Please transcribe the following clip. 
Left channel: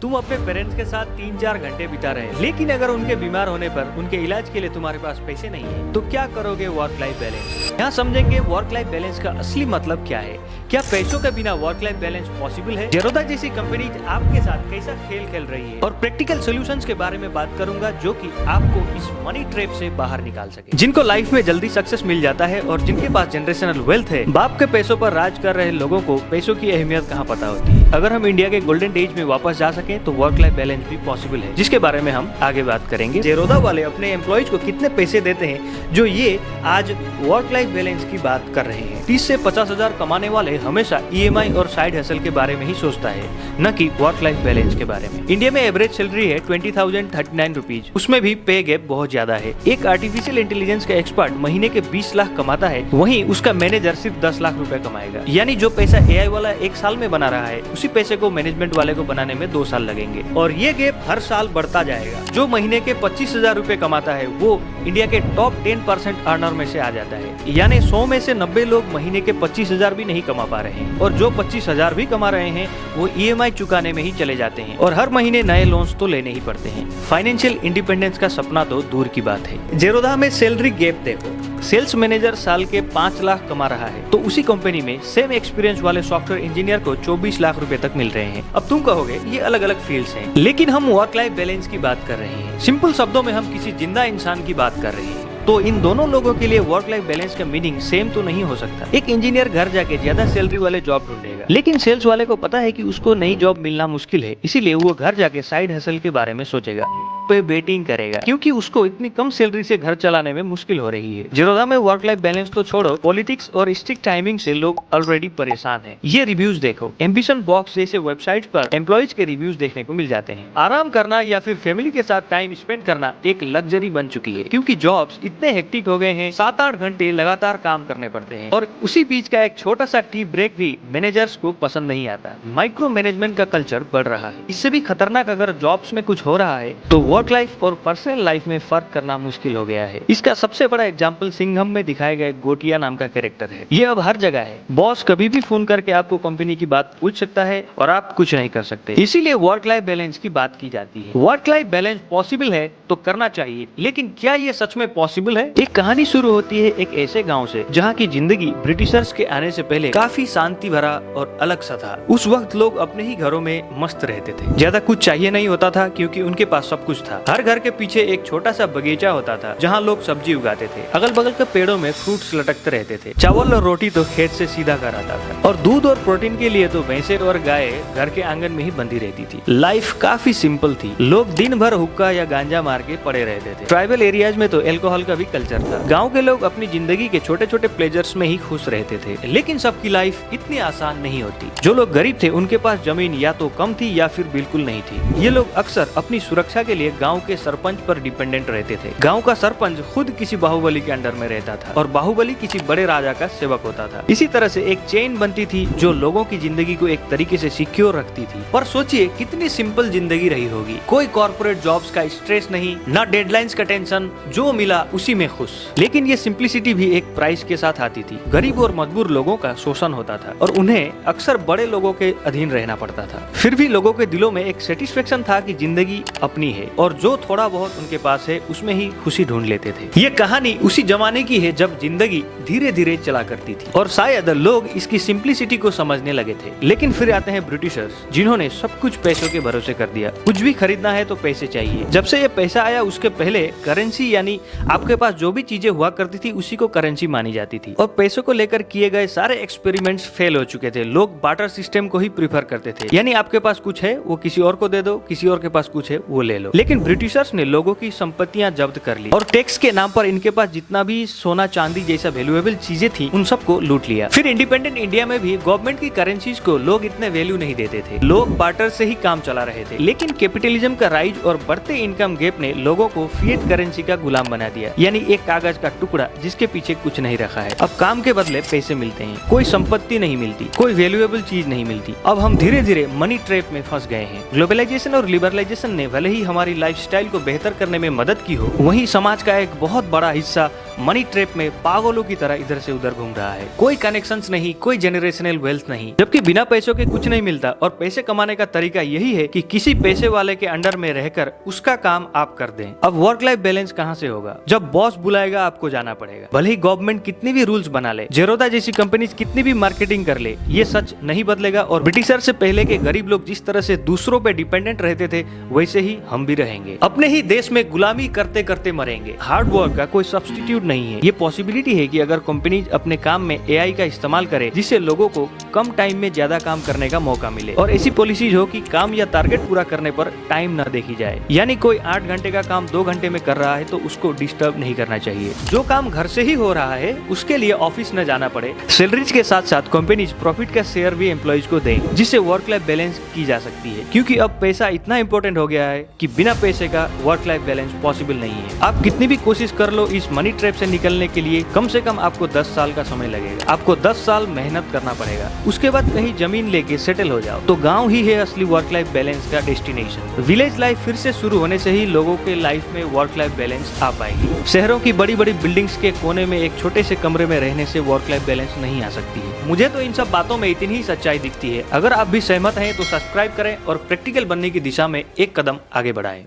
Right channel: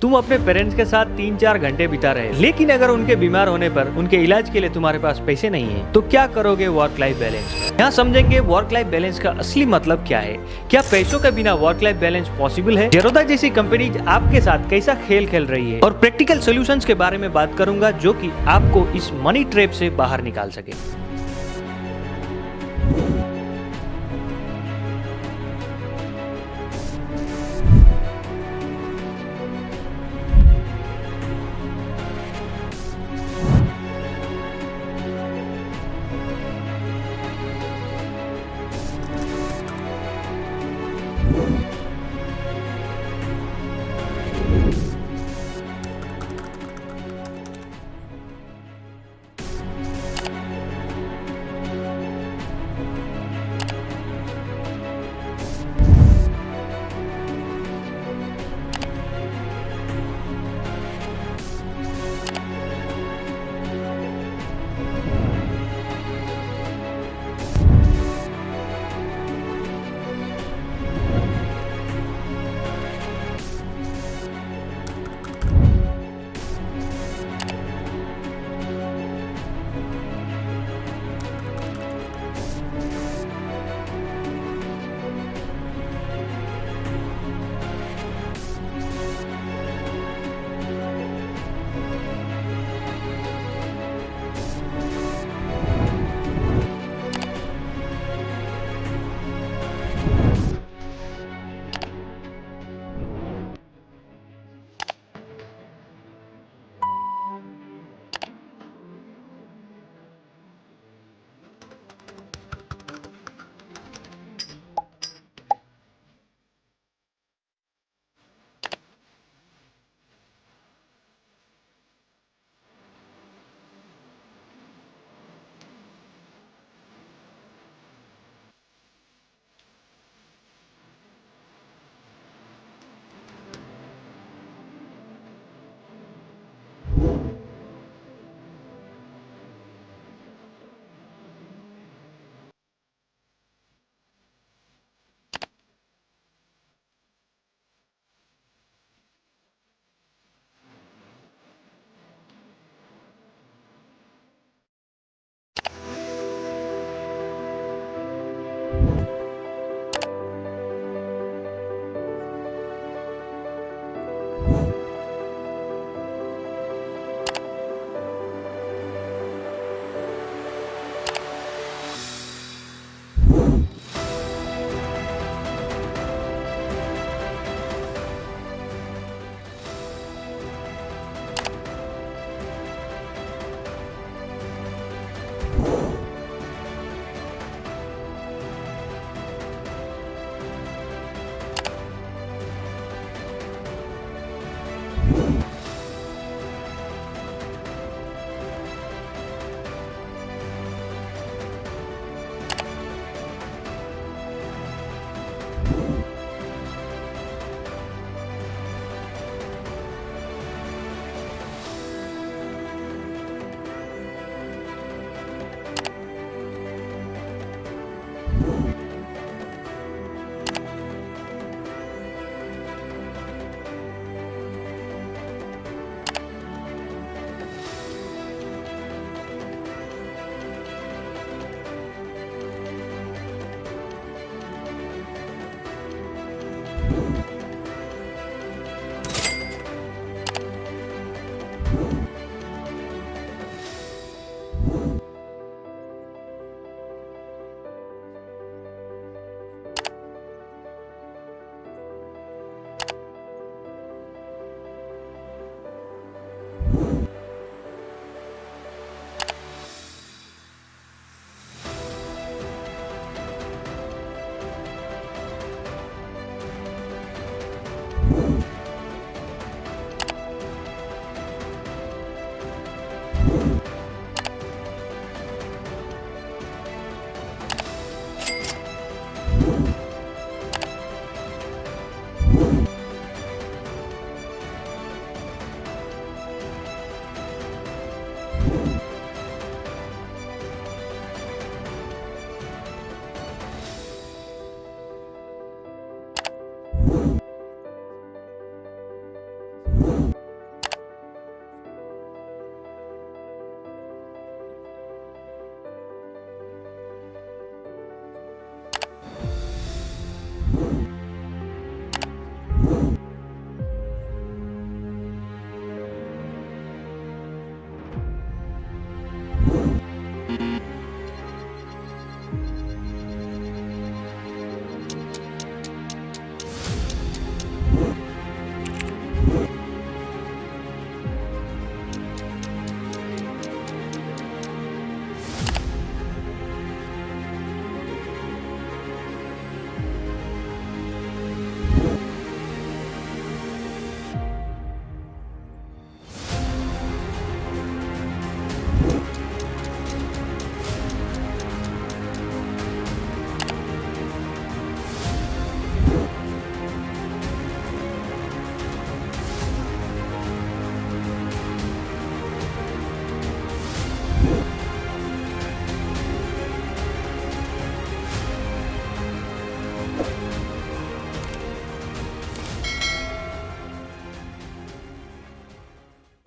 तुम अपने पेरेंट्स के साथ 3-4 घंटे बिता रहे, लेकिन अगर उनके बीमार होने पर उनके इलाज के लिए तुम्हारे पास पैसे नहीं है तो क्या करोगे वर्क लाइफ बैलेंस। यहाँ समझेंगे वर्क लाइफ बैलेंस का असली मतलब क्या है, क्या पैसों के बिना वर्क लाइफ बैलेंस पॉसिबल है, जेरोदा जैसी कंपनी आपके साथ कैसा खेल खेल रही है, और प्रैक्टिकल सोल्यूशंस के बारे में बात करूंगा जो कि आपको इस मनी ट्रैप से बाहर निकाल सके। जिनको लाइफ में जल्दी सक्सेस मिल जाता है और जिनके पास जनरेशनल वेल्थ है, बाप के पैसों पर राज कर रहे लोगों को पैसों की अहमियत कहाँ पता होती है। अगर हम इंडिया के गोल्डन एज में वापस जा सके तो वर्क लाइफ बैलेंस भी पॉसिबल है, जिसके बारे में हम आगे बात करेंगे। जेरोदा वाले अपने एम्प्लॉइज को कितने पैसे देते हैं जो ये आज वर्क लाइफ बैलेंस की बात कर रहे हैं। 30 से 50 हजार कमाने वाले हमेशा EMI और साइड हसल के बारे में ही सोचता है, न कि वर्क लाइफ बैलेंस के बारे में। इंडिया में एवरेज सैलरी है 20,039 रुपीज, उसमें भी पे गैप बहुत ज्यादा है। एक आर्टिफिशियल इंटेलिजेंस का एक्सपर्ट महीने के 20 लाख कमाता है, वहीं उसका मैनेजर सिर्फ 10 लाख रुपए कमाएगा। यानी जो पैसा AI वाला एक साल में बना रहा है, उसी पैसे को मैनेजमेंट वाले को बनाने में 2 साल लगेंगे, और ये गैप हर साल बढ़ता जाएगा। जो महीने के 25,000 रुपए कमाता है वो इंडिया के टॉप 10% अर्नर में से आ जाता है। यानी 100 में से 90 लोग महीने के 25,000 भी नहीं कमा पा रहे हैं, और जो 25,000 भी कमा रहे हैं वो EMI चुकाने में ही चले जाते हैं, और हर महीने नए लोन्स तो लेने ही पड़ते हैं। फाइनेंशियल इंडिपेंडेंस का सपना तो दूर की बात है। जेरोदा में सैलरी गैप देखो, सेल्स मैनेजर साल के 5 लाख कमा रहा है तो उसी कंपनी में सेम एक्सपीरियंस वाले सॉफ्टवेयर इंजीनियर को 24 लाख रुपए तक मिल रहे हैं। अब तुम कहोगे ये अलग अलग फील्ड्स हैं, लेकिन हम वर्क लाइफ बैलेंस की बात कर रहे हैं। सिंपल शब्दों में हम किसी जिंदा इंसान की बात कर रहे हैं। तो इन दोनों लोगों के लिए वर्क लाइफ बैलेंस का मीनिंग सेम तो नहीं हो सकता। एक इंजीनियर घर जाके ज्यादा सैलरी वाले जॉब ढूंढेगा, लेकिन सेल्स वाले को पता है कि उसको नई जॉब मिलना मुश्किल है, इसीलिए वो घर जाके साइड हसल के बारे में सोचेगा, पे बेटिंग करेगा, क्योंकि उसको इतनी कम सैलरी से घर चलाने में मुश्किल हो रही है। जेरोदा में वर्क लाइफ बैलेंस तो छोड़ो, पॉलिटिक्स और स्ट्रिक्ट टाइमिंग से लोग ऑलरेडी परेशान हैं। ये रिव्यूज देखो, एम्बिशन बॉक्स जैसे वेबसाइट पर एम्प्लॉइज के रिव्यूज देखने को मिल जाते हैं। आराम करना या फिर फैमिली के साथ टाइम स्पेंड करना एक लग्जरी बन चुकी है, क्योंकि जॉब्स इतने हेक्टिक हो गए हैं, 7-8 घंटे लगातार काम करने पड़ते हैं, और उसी बीच का एक छोटा सा टी ब्रेक भी मैनेजर्स को पसंद नहीं आता। माइक्रो मैनेजमेंट का कल्चर बढ़ रहा है। इससे भी खतरनाक अगर जॉब्स में कुछ हो रहा है तो वर्क लाइफ और पर्सनल लाइफ में फर्क करना मुश्किल हो गया है। इसका सबसे बड़ा एग्जांपल सिंघम में दिखाए गए गोटिया नाम का कैरेक्टर है। ये अब हर जगह है। बॉस कभी भी फोन करके आपको कंपनी की बात पूछ सकता है और आप कुछ नहीं कर सकते। इसीलिए वर्क लाइफ बैलेंस की बात की जाती है। वर्क लाइफ बैलेंस पॉसिबल है तो करना चाहिए, लेकिन क्या ये सच में पॉसिबल है? एक कहानी शुरू होती है एक ऐसे गाँव से जहाँ की जिंदगी ब्रिटिशर्स के आने से पहले काफी शांति भरा और अलग सा था। उस वक्त लोग अपने ही घरों में मस्त रहते थे, ज्यादा कुछ चाहिए नहीं होता था क्योंकि उनके पास सब कुछ था। हर घर के पीछे एक छोटा सा बगीचा होता था जहाँ लोग सब्जी उगाते थे। अगल बगल के पेड़ों में फ्रूट्स लटकते रहते थे। चावल और रोटी तो खेत से सीधा कर आता था, और दूध और प्रोटीन के लिए तो भैंसे और गाय घर के आंगन में ही बंधी रहती थी। लाइफ काफी सिंपल थी। लोग दिन भर हुक्का या गांजा मार के पड़े रहते थे। ट्राइबल एरियाज में तो अल्कोहल का भी कल्चर था। गाँव के लोग अपनी जिंदगी के छोटे छोटे प्लेजर्स में ही खुश रहते थे, लेकिन सबकी लाइफ इतनी आसान नहीं होती। जो लोग गरीब थे उनके पास जमीन या तो कम थी या फिर बिल्कुल नहीं थी। ये लोग अक्सर अपनी सुरक्षा के लिए गांव के सरपंच पर डिपेंडेंट रहते थे। गांव का सरपंच खुद किसी बाहुबली के अंडर में रहता था, और बाहुबली किसी बड़े राजा का सेवक होता था। इसी तरह से एक चेन बनती थी जो लोगों की जिंदगी को एक तरीके से सिक्योर रखती थी। पर सोचिए कितनी सिंपल जिंदगी रही होगी। कोई कॉर्पोरेट जॉब्स का स्ट्रेस नहीं, ना डेडलाइंस का टेंशन, जो मिला उसी में खुश। लेकिन ये सिंप्लिसिटी भी एक प्राइस के साथ आती थी। गरीब और मजबूर लोगों का शोषण होता था और उन्हें अक्सर बड़े लोगों के अधीन रहना पड़ता था। फिर भी लोगों के दिलों में एक सेटिस्फेक्शन था कि जिंदगी अपनी है, और जो थोड़ा बहुत उनके पास है उसमें ही खुशी ढूंढ लेते थे। ये कहानी उसी जमाने की है जब जिंदगी धीरे धीरे चला करती थी, और शायद लोग इसकी सिंप्लिसिटी को समझने लगे थे। लेकिन फिर आते हैं ब्रिटिशर्स, जिन्होंने सब कुछ पैसे के भरोसे कर दिया। कुछ भी खरीदना है तो पैसे चाहिए। जब से ये पैसा आया उसके पहले करेंसी यानी आपके पास जो भी चीजें हुआ करती थी उसी को करेंसी मानी जाती थी, और पैसों को लेकर किए गए सारे एक्सपेरिमेंट्स फेल हो चुके थे। लोग बार्टर सिस्टम को ही प्रीफर करते थे, यानी आपके पास कुछ है वो किसी और को दे दो, किसी और के पास कुछ है वो ले लो। लेकिन ब्रिटिशर्स ने लोगों की संपत्तियां जब्त कर ली, और टैक्स के नाम पर इनके पास जितना भी सोना चांदी जैसा वैल्यूएबल चीजें थी उन सबको लूट लिया। फिर इंडिपेंडेंट इंडिया में भी गवर्नमेंट की करेंसीज को लोग इतने वैल्यू नहीं देते थे। लोग बार्टर से ही काम चला रहे थे। लेकिन कैपिटलिज्म का राइज और बढ़ते इनकम गैप ने लोगों को फिएट करेंसी का गुलाम बना दिया, यानी एक कागज का टुकड़ा जिसके पीछे कुछ नहीं रखा है। अब काम के बदले पैसे मिलते हैं, कोई संपत्ति नहीं मिलती, कोई वैल्यूएबल चीज नहीं मिलती। अब हम धीरे धीरे मनी ट्रैप में फंस गए हैं। ग्लोबलाइजेशन और लिबरलाइजेशन ने भले ही हमारी लाइफस्टाइल को बेहतर करने में मदद की हो, वहीं समाज का एक बहुत बड़ा हिस्सा मनी ट्रैप में पागलों की तरह इधर से उधर घूम रहा है। कोई कनेक्शंस नहीं, कोई जेनरेशनल वेल्थ नहीं, जबकि बिना पैसों के कुछ नहीं मिलता। और पैसे कमाने का तरीका यही है कि किसी पैसे वाले के अंडर में रहकर उसका काम आप कर दें। अब वर्क लाइफ बैलेंस कहाँ से होगा? जब बॉस बुलाएगा आपको जाना पड़ेगा, भले ही गवर्नमेंट कितनी भी रूल्स बना ले, जेरोदा जैसी कंपनी कितनी भी मार्केटिंग कर ले, ये सच नहीं बदलेगा। और ब्रिटिशर से पहले के गरीब लोग जिस तरह से दूसरों पे डिपेंडेंट रहते थे, वैसे ही हम भी रहेंगे। अपने ही देश में गुलामी करते करते मरेंगे। हार्ड वर्क का कोई सब्स्टिट्यूट नहीं है। ये पॉसिबिलिटी है कि अगर कंपनी अपने काम में एआई का इस्तेमाल करे, जिससे लोगों को कम टाइम में ज्यादा काम करने का मौका मिले, और ऐसी पॉलिसीज हो कि काम या टारगेट पूरा करने पर टाइम न देखी जाए। यानी कोई 8 घंटे का काम 2 घंटे में कर रहा है तो उसको डिस्टर्ब नहीं करना चाहिए। जो काम घर से ही हो रहा है उसके लिए ऑफिस न जाना पड़े। सैलरीज के साथ साथ कंपनीज प्रॉफिट का शेयर भी एम्प्लॉइज को दें, जिससे वर्क लाइफ बैलेंस की जा सकती है। क्योंकि अब पैसा इतना इंपॉर्टेंट हो गया है कि बिना पैसे का वर्क लाइफ बैलेंस पॉसिबल नहीं है। आप कितनी भी कोशिश कर लो, इस मनी ट्रैप से निकलने के लिए कम से कम आपको 10 साल का समय लगेगा। आपको 10 साल मेहनत करना पड़ेगा। उसके बाद कहीं जमीन लेके सेटल हो जाओ तो गांव ही है असली वर्क लाइफ बैलेंस का डेस्टिनेशन। विलेज लाइफ फिर से शुरू होने से ही लोगों के लाइफ में वर्क लाइफ बैलेंस आ पाएगी। शहरों की बड़ी बड़ी बिल्डिंग्स के कोने में एक छोटे से कमरे में रहने से वर्क लाइफ बैलेंस नहीं आ सकती है। मुझे तो इन सब बातों में इतनी ही सच्चाई दिखती है। अगर आप भी सहमत हैं तो सब्सक्राइब करें और प्रैक्टिकल बनने की दिशा में एक कदम आगे बढ़ाएं।